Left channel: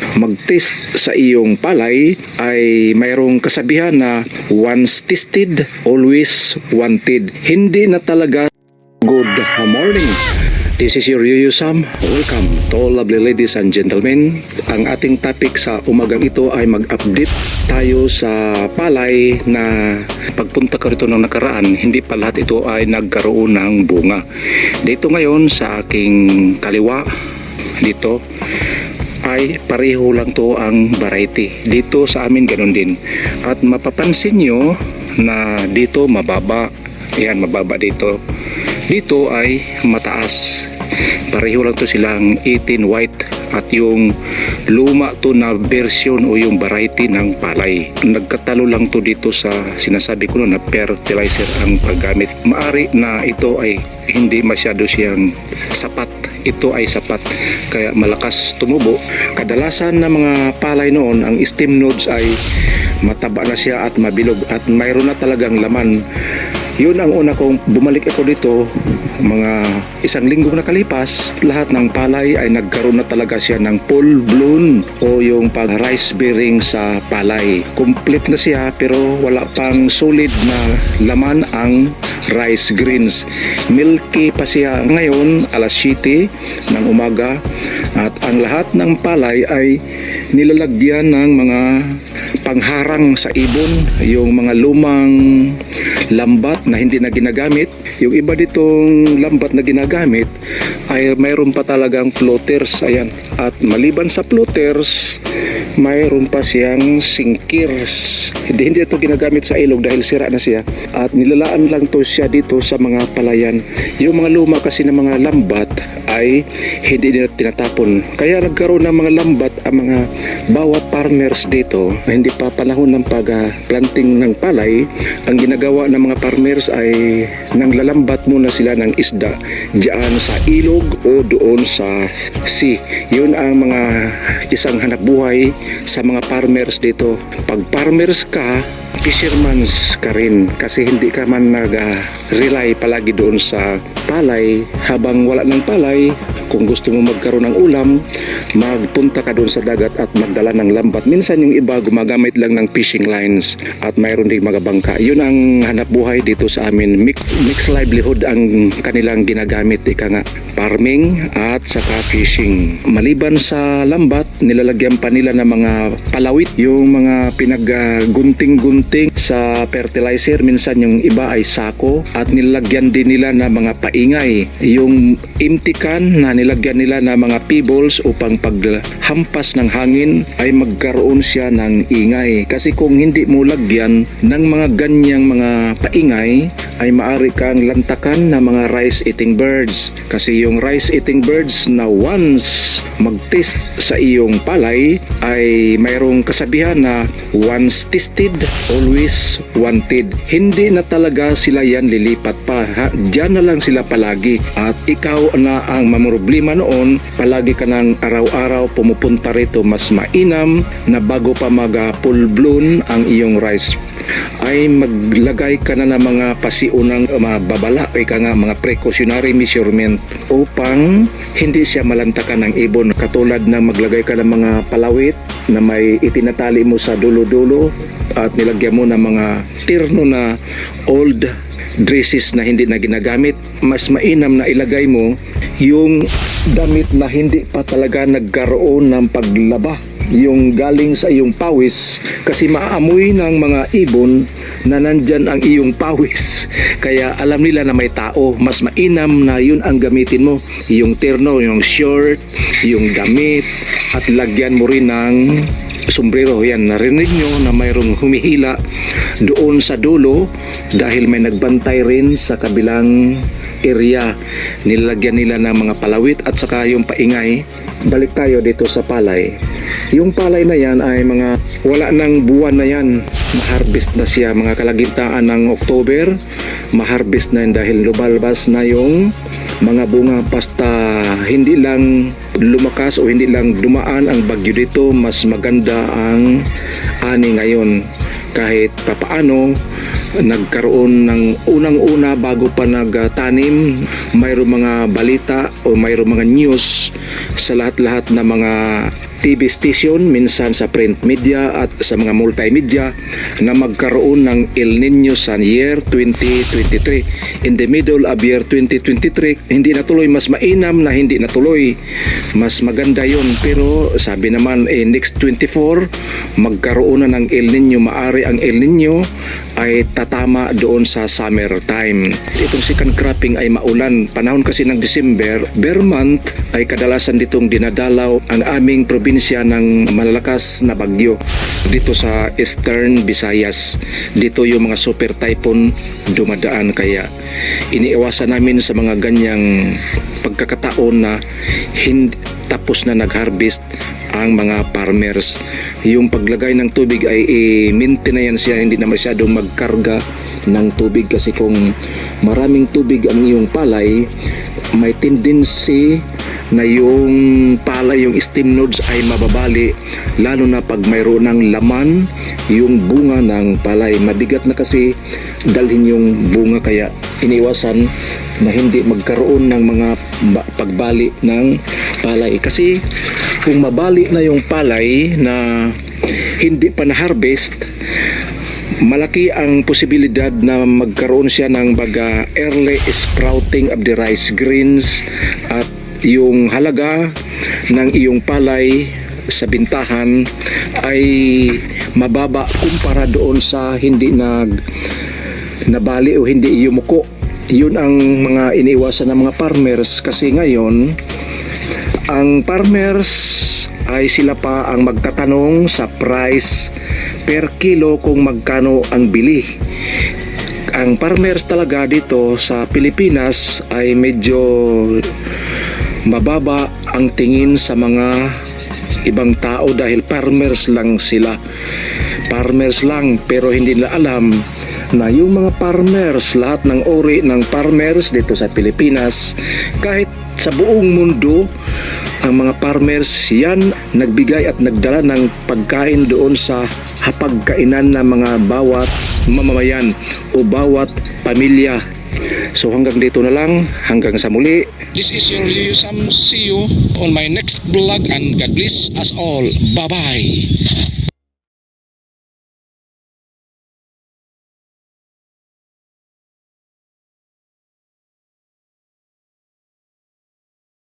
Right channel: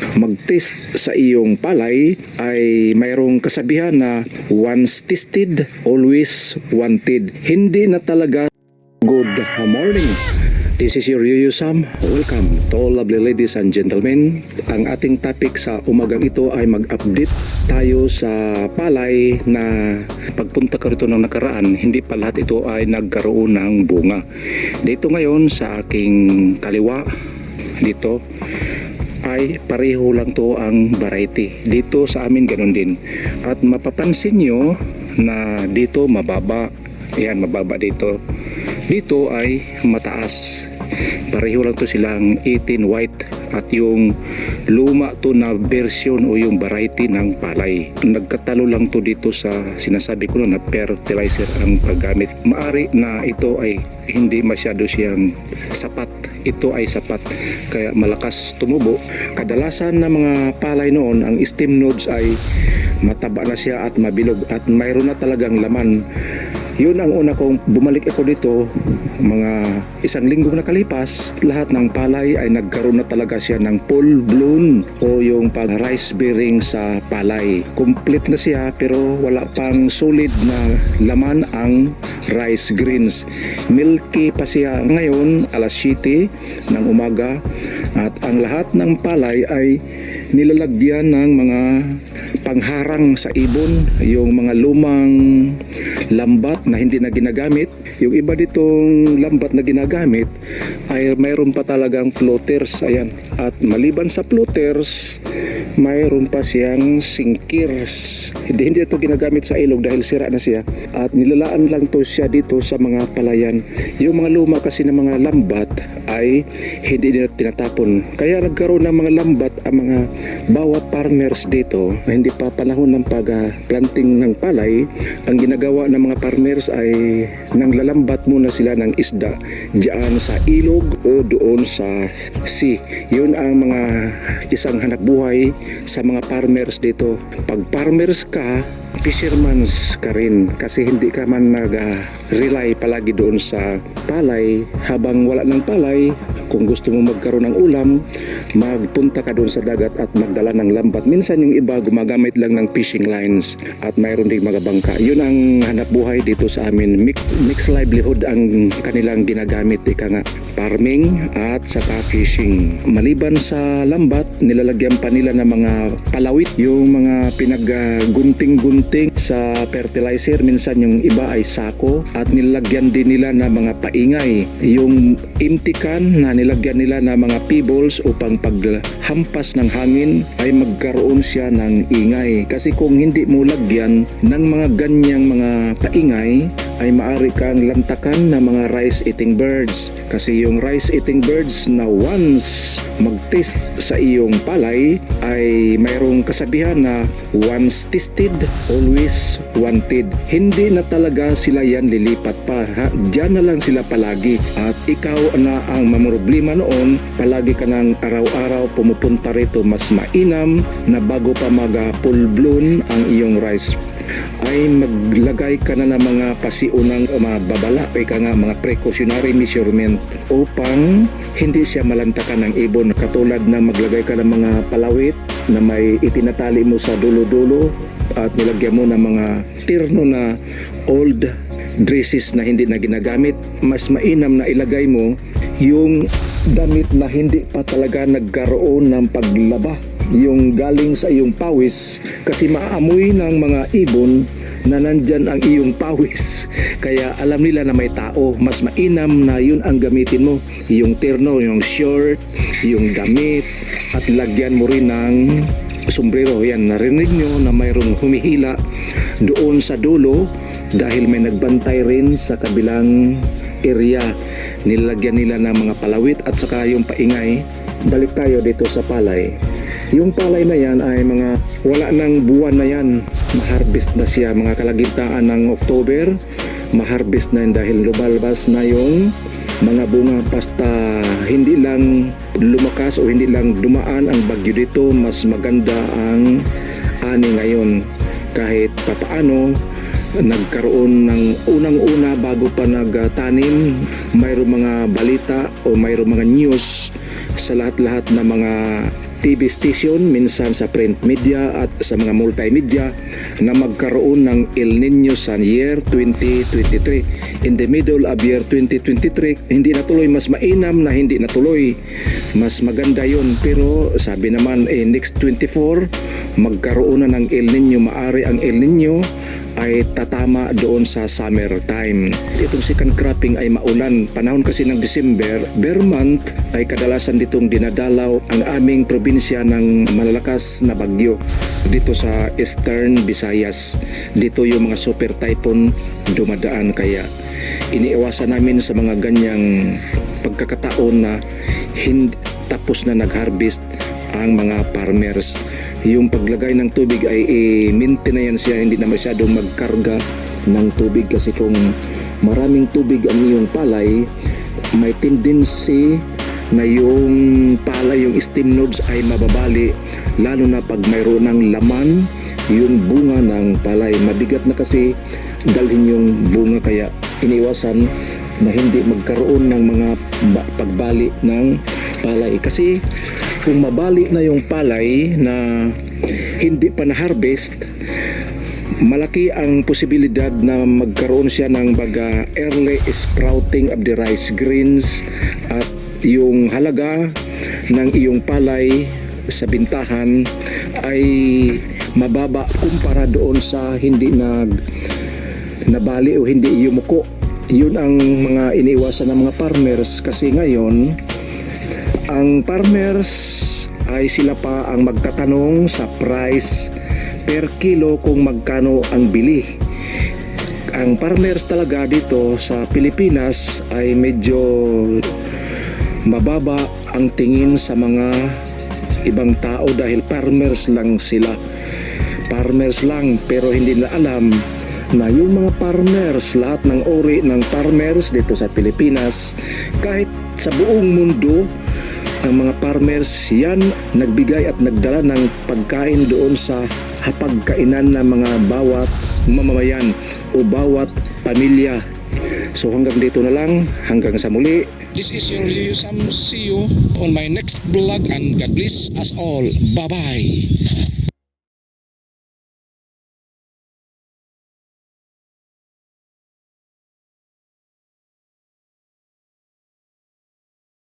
mag-test sa iyong palay ay mayroong kasabihan na once tested, always wanted. Hindi na talaga. Good morning. This is your Yuyu Sam. Welcome to all lovely ladies and gentlemen. Ang ating topic sa umagang ito ay mag-update tayo sa palay na pagpunta ko rito ng nakaraan, hindi pa lahat ito ay nagkaroon ng bunga. Dito ngayon sa aking kaliwa, dito ay pareho lang to ang variety. Dito sa amin ganun din. At mapapansin nyo na dito mababa. Yan, mababa dito. Dito ay mataas. Pareho lang to silang 18 white. At yung luma to na version o yung variety ng palay. Nagkatalo lang to dito sa sinasabi ko na fertilizer ang paggamit. Maari na ito ay hindi masyado siyang sapat. Ito ay sapat kaya malakas tumubo. Kadalasan na mga palay noon, ang stem nodes ay mataba na siya at mabilog at mayroon na talagang laman. Yun ang una kong bumalik ako dito, mga isang linggo nakalipas, lahat ng palay ay nagkaroon na talaga siya ng full blown o yung pag rice bearing sa palay. Complete na siya pero wala pang solid na laman ang rice grains. Milky pa siya ngayon, alas 7 ng umaga, at ang lahat ng palay ay nilalagyan ng mga pangharang sa ibon, yung mga lumang lambat na hindi na ginagamit. Yung iba ditong lambat na ginagamit ay mayroon pa talagang floaters. Ayan. At maliban sa floaters, mayroon pa siyang sinkers. Hindi ito ginagamit sa ilog dahil sira na siya. At nilalaan lang to siya dito sa mga palayan. Yung mga luma kasi ng mga lambat ay hindi nila tinatapon. Kaya nagkaroon ng mga lambat ang mga bawat farmers dito na hindi pa panahon ng pag-planting ng palay. Ang ginagawa ng mga farmers ay nanglalambat muna sila ng isda diyan sa ilog o doon sa sea. Yun ang mga isang hanap buhay sa mga farmers dito. Pag farmers ka, fishermans ka rin kasi hindi ka man nag-rely palagi doon sa palay. Habang wala ng palay, kung gusto mo magkaroon ng ulam, magpunta ka doon sa dagat at magdala ng lambat. Minsan yung iba gumagamit lang ng fishing lines at mayroon ding mga bangka. Yun ang hanap buhay dito sa amin. Mixed livelihood ang kanilang ginagamit, ika nga, farming at saka fishing. Maliban sa lambat, nilalagyan pa nila ng mga palawit, yung mga pinaggunting-gunting sa fertilizer. Minsan yung iba ay sako at nilalagyan din nila ng mga paingay. Yung empty can na nilagyan nila ng mga pebbles upang paghampas ng hangin ay magkaroon siya ng ingay. Kasi kung hindi mo lagyan ng mga ganyang mga paingay, ay maaari kang lantakan ng mga rice-eating birds. Kasi yung rice-eating birds na once mag-test sa iyong palay ay mayroong kasabihan na once tested, always wanted. Hindi na talaga sila yan lilipat pa. Diyan na lang sila palagi. At ikaw na ang mamroblema noon, palagi ka ng araw-araw pumupunta rito, mas mainam na bago pa mag-full blown ang iyong rice ay maglagay ka na ng mga pasiunang babala o mga precautionary measurement upang hindi siya malantakan ng ibon, katulad na maglagay ka ng mga palawit na may itinatali mo sa dulo-dulo at nilagyan mo ng mga tirno na old dresses na hindi na ginagamit. Mas mainam na ilagay mo yung damit na hindi pa talaga nagkaroon ng paglaba, yung galing sa iyong pawis, kasi maaamoy ng mga ibon na nandyan ang iyong pawis, kaya alam nila na may tao. Mas mainam na yun ang gamitin mo, yung terno, yung short, yung damit, at lagyan mo rin ng sombrero. Yan, narinig nyo na mayroong humihila doon sa dulo dahil may nagbantay rin sa kabilang area. Nilagyan nila ng mga palawit at saka yung paingay. Balik tayo dito sa palay. Yung palay na yan ay mga wala ng buwan na yan, ma-harvest na siya. Mga kalagitnaan ng October, ma-harvest na yan dahil lumalabas na yung mga bunga. Basta hindi lang lumakas o hindi lang dumaan ang bagyo dito, mas maganda ang ani ngayon. Kahit papaano, nagkaroon ng unang-una bago pa nagtanim, mayroong mga balita o mayroong mga news sa lahat-lahat na mga TV station, minsan sa print media at sa mga multimedia na magkaroon ng El Nino sa year 2023. In the middle of year 2023, hindi natuloy, mas mainam na hindi natuloy. Mas maganda yun, pero sabi naman next 24, magkaroon na ng El Nino. Maari ang El Nino ay tatama doon sa summer time. Itong second cropping ay maulan. Panahon kasi ng December, bare month, ay kadalasan ditong dinadalaw ang aming probinsya ng malalakas na bagyo dito sa Eastern Visayas. Dito yung mga super typhoon dumadaan, kaya iniiwasan namin sa mga ganyang pagkakataon na hindi tapos na nag-harvest ang mga farmers. Yung paglagay ng tubig ay i-maintain na yan siya, hindi na masyadong magkarga ng tubig, kasi kung maraming tubig ang iyong palay, may tendency na yung palay, yung stem nodes ay mababali, lalo na pag mayroon ng laman yung bunga ng palay. Mabigat na kasi dalhin yung bunga, kaya iniwasan na hindi magkaroon ng mga pagbali ng palay. Kasi kung mabali na yung palay na hindi pa na-harvest, malaki ang posibilidad na magkaroon siya ng baga early sprouting of the rice grains, at yung halaga ng iyong palay sa bintahan ay mababa kumpara doon sa hindi nabali o hindi yumuko. Yun ang mga iniiwasan ng mga farmers, kasi ngayon ang farmers ay sila pa ang magtatanong sa price per kilo kung magkano ang bili. Ang farmers talaga dito sa Pilipinas ay medyo mababa ang tingin sa mga ibang tao dahil farmers lang sila. Farmers lang, pero hindi nila alam na yung mga farmers, lahat ng uri ng farmers dito sa Pilipinas, kahit sa buong mundo, ang mga farmers yan nagbigay at nagdala ng pagkain doon sa hapagkainan ng mga bawat mamamayan o bawat pamilya. So hanggang dito na lang, hanggang sa muli. This is your Leo Sam. See you on my next vlog, and God bless us all. Bye-bye.